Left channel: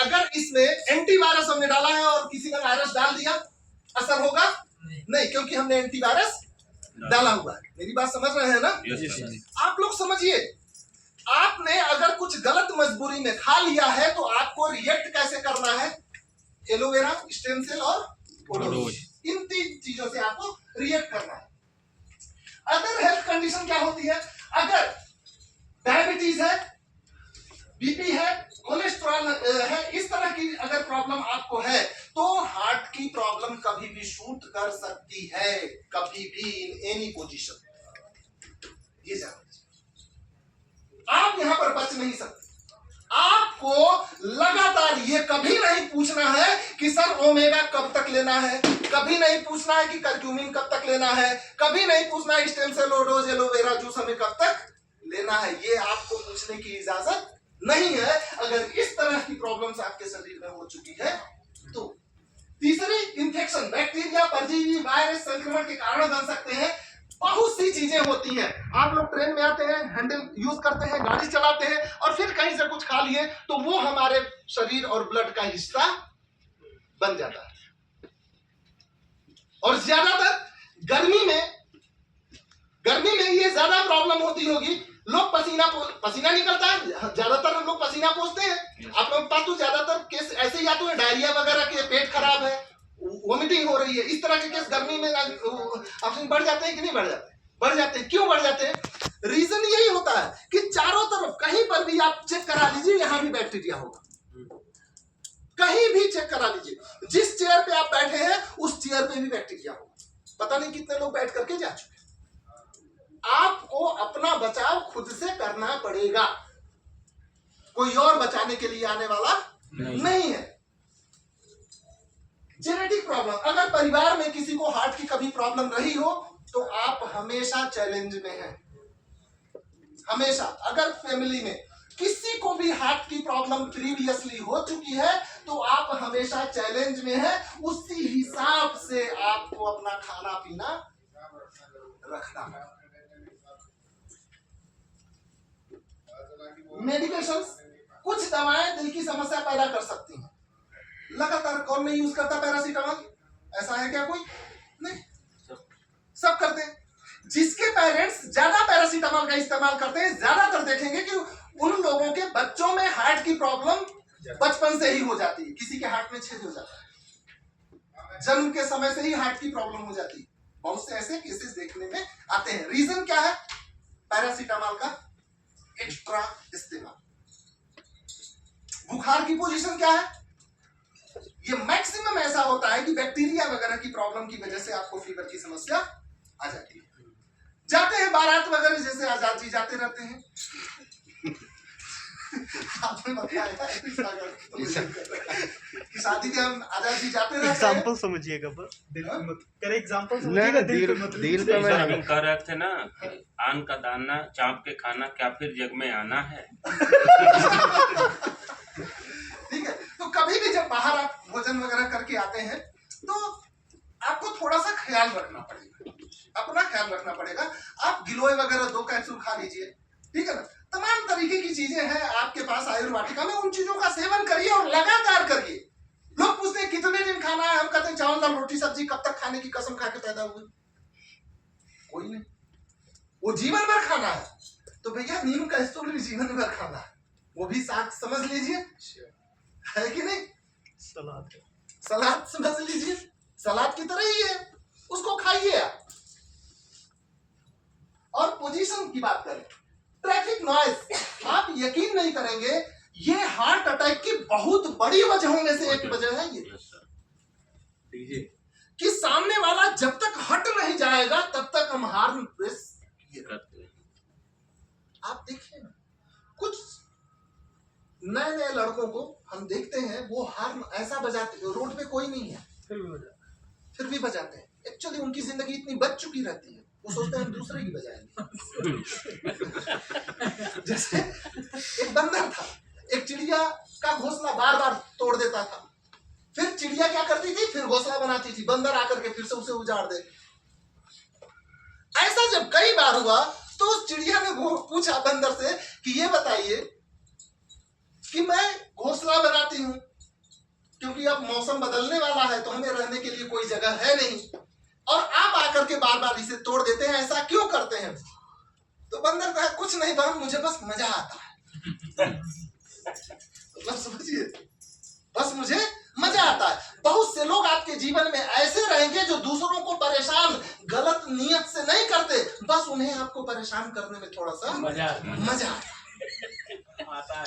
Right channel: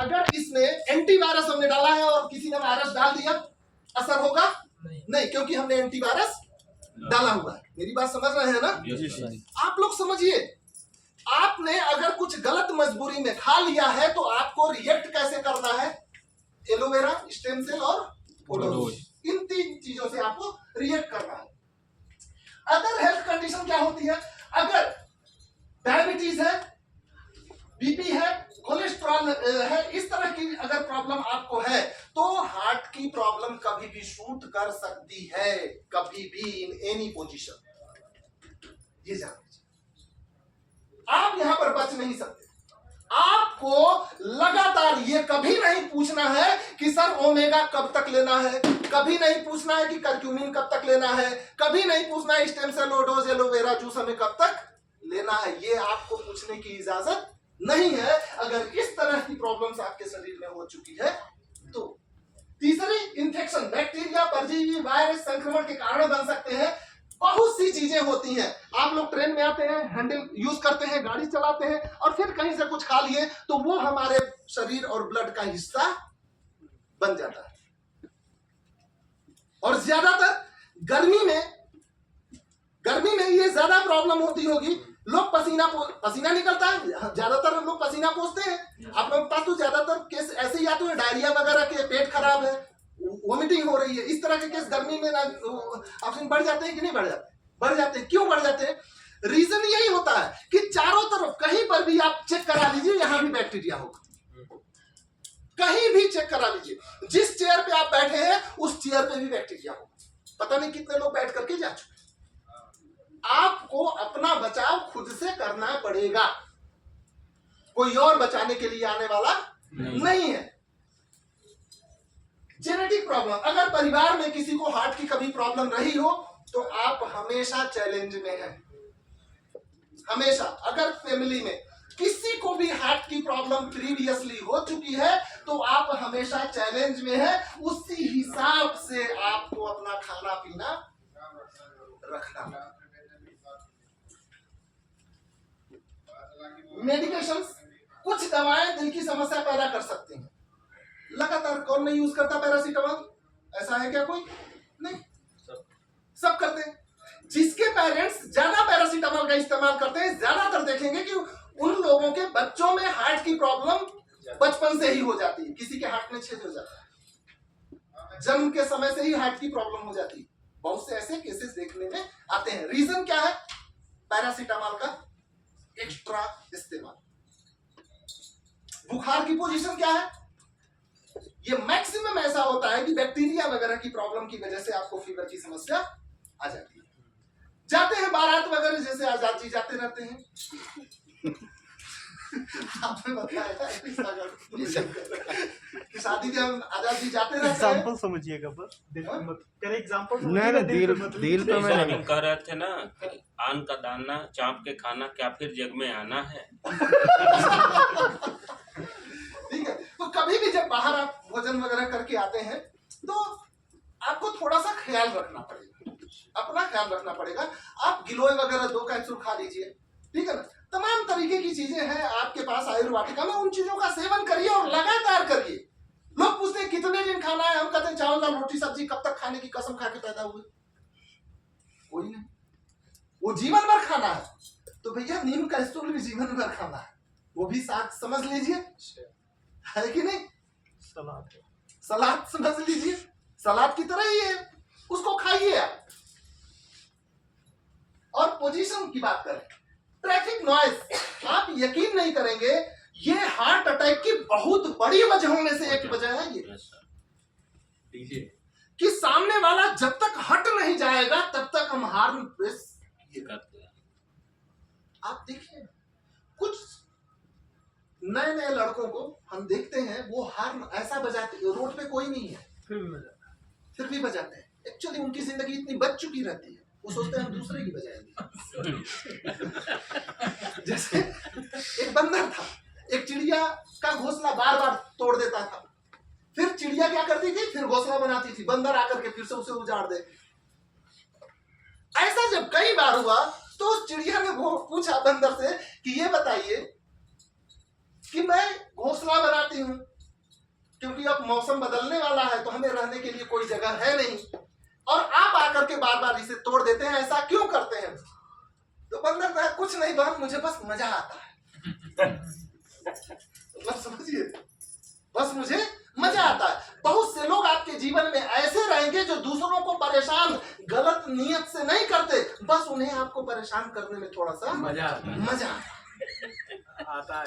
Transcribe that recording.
अगर इसमें एंटीवायरस हमने डाला है और किसी ने वायरस डाल दिया, असर होगा? नहीं, क्योंकि हमने एंटीवायरस डाला हुआ है। मेरी बात समझ रहे हैं ना? आप लोग समझिए, आपने अगर कुछ गलत मजबूरी में खा लिया है तो आपको रिएक्ट कैसे करना है? एलोवेरा, स्टेम सेल और ओडोज, इन 3 चीजों से आपको रिएक्ट करना है। अदर हेल्थ कंडीशन क्या होती है? अगर डायबिटीज है, बीपी है, कोलेस्ट्रॉल है, इस तरह की अगर प्रॉब्लम आपको है तो हार्ट की प्रॉब्लम कभी भी शूट कर सकती है, कभी भी, इन एनी पोजीशन। ये जान लीजिए, आप यहां पर बच नहीं सकते। आपको लगातार ये कभी नहीं पूछना है कि सर ओमेगा कब तक लेना है, कभी नहीं पूछना है कि करक्यूमिन कब तक लेना है, कभी नहीं पूछना है स्टेम सेल, ओडोज, एलोवेरा जूस हमें कब तक लेना है। ये आपको पूछने की इजाजत नहीं है अगर इस तरह की प्रॉब्लम्स आपके शरीर में हो चुकी है तो। तीसरी, इंफेक्शन, बैक्टीरिया, परजीवी, वायरस संक्रमण के कारण बन सकते हैं। बहुत सी चीजें होती हैं। आप लोग ट्रेन में आते हैं, हैंडल यूज करते हैं, गाड़ी चलाते हैं और फिर कहीं से कुछ खा लिए तो वो हमारे शरीर और ब्लड का हिस्सा बन जाता है। और ज्यादातर गर्मी में ये ज्यादा प्रॉब्लम होती होगी। लोग पसीना निकलता है, ज्यादातर लोग पसीना पोंछते हैं। आप लोग पास तो ज्यादातर केस ऐसे या तो डायरिया वगैरह के, पेट खराब है, वोमिटिंग हो रही है, इस तरह के केस गर्मी में ऑप्शन बढ़ जाते हैं कि नहीं बढ़ जाते? बढ़ जाते हैं। क्यों बढ़ जाते हैं? रीजन यही होता है कि चारों तरफ कहीं पर भी आप चेक करा लीजिए, यहां भी बैक्टीरिया होगा। कहीं भी चेक करा लीजिए, जिस चेयर पे आप बैठे हैं उस चेयर पे भी बैक्टीरिया होगा। पता नहीं कितने लोग बैठ करके जा चुके। आपको अपना बचाव खुद से करना पड़ेगा, कोई और बचाने के लिए आने वाला नहीं है। जेनेटिक प्रॉब्लम, अगर परिवार में किसी को हार्ट की कभी प्रॉब्लम रही हो तो आप हमेशा चैलेंज में हैं। हमेशा अगर फैमिली में किसी को भी हार्ट की प्रॉब्लम प्रीवियसली हो चुकी है तो आप हमेशा चैलेंज में हैं। उसी हिसाब से आपको अपना खाना पीना रखना पड़ेगा। मेडिकेशंस, कुछ दवाएं दिल की समस्या पैदा कर सकती हैं। लगातार कौन नहीं यूज करता पैरासीटामोल? ऐसा है क्या कोई? नहीं, सब करते हैं। जिसके पेरेंट्स ज्यादा पैरासीटामोल का इस्तेमाल करते हैं, ज्यादातर देखेंगे कि उन लोगों के बच्चों में हार्ट की प्रॉब्लम बचपन से ही हो जाती है। किसी के हार्ट में छेद हो जाता है, जन्म के समय से ही हार्ट की प्रॉब्लम हो जाती है। बहुत से ऐसे केसेस देखने में आते हैं। रीजन क्या है? पैरासीटामोल का एक्स्ट्रा इस्तेमाल। बुखार की पोजीशन क्या है? ये मैक्सिमम ऐसा होता है कि बैक्टीरिया वगैरह की प्रॉब्लम की वजह से आपको फीवर की समस्या आ जाती है। जाते हैं बारात वगैरह, जैसे आजाद जी जाते रहते हैं। आपने बताया कि शादी में हम आजाद जी जाते रहते हैं। एग्जांपल समझिएगा बस, कर एग्जांपल नहीं, दिल पे मैं हम कह रहे थे ना, आन का दाना चाप के खाना, क्या फिर जग में आना है? ठीक है, तो कभी भी जब बाहर आप भोजन वगैरह करके आते हैं तो आपको थोड़ा सा ख्याल रखना पड़ेगा, अपना ख्याल रखना पड़ेगा। आप गिलोय वगैरह 2 कैप्सूल खा लीजिए, ठीक है ना। तमाम तरीके की चीजें हैं आपके पास आयुर्वाटिका में, उन चीजों का सेवन करिए और लगातार करिए। लोग पूछते हैं कितने दिन खाना है, हम कहते हैं चावल दाल रोटी सब्जी। कब तक खाने की कसम खा के पैदा हुए? कोई नहीं, वो जीवन भर खाना है। तो भैया नीम का स्टोल भी जीवन भर खाना है, वो भी साग समझ लीजिए, है कि नहीं? सलाद समझ लीजिए, सलाद की तरह ही है, उसको खाइए आप। और पोजीशन की बात करें, ट्रैफिक नॉइज, आप यकीन नहीं करेंगे, ये हार्ट अटैक की बहुत बड़ी वजहों में से एक वजह है ये कि सामने वाला जब तक हट नहीं जाएगा तब तक हम हार्न प्रेस करते हैं। आप देखिए कुछ नए नए लड़कों को हम देखते हैं, वो हार्न ऐसा बजाते, रोड पे कोई नहीं है फिर भी बजाते हैं। एक्चुअली उनकी जिंदगी इतनी बच चुकी रहती है, वो सोचते हैं हम दूसरे की बजाएंगे। जैसे एक बंदर था, एक चिड़िया का घोंसला बार बार तोड़ देता था, फिर चिड़िया क्या करती थी, फिर घोंसला बनाती थी, बंदर आकर के फिर से उसे उजाड़ दे। ऐसा जब कई बार हुआ तो उस चिड़िया ने पूछा बंदर से कि ये बताइए कि मैं घोंसला बनाती हूं, क्योंकि अब मौसम बदलने वाला है तो हमें रहने के लिए कोई जगह है नहीं, और आप आकर के बार बार इसे तोड़ देते हैं, ऐसा क्यों करते हैं? तो बंदर कहा कुछ नहीं बहन, मुझे बस मजा आता है। मतलब समझिए, बस मुझे मजा आता है। बहुत से लोग आपके जीवन में ऐसे रहेंगे जो दूसरों को परेशान गलत नियत से नहीं करते, बस उन्हें आपको परेशान करने में थोड़ा सा मजा आता है।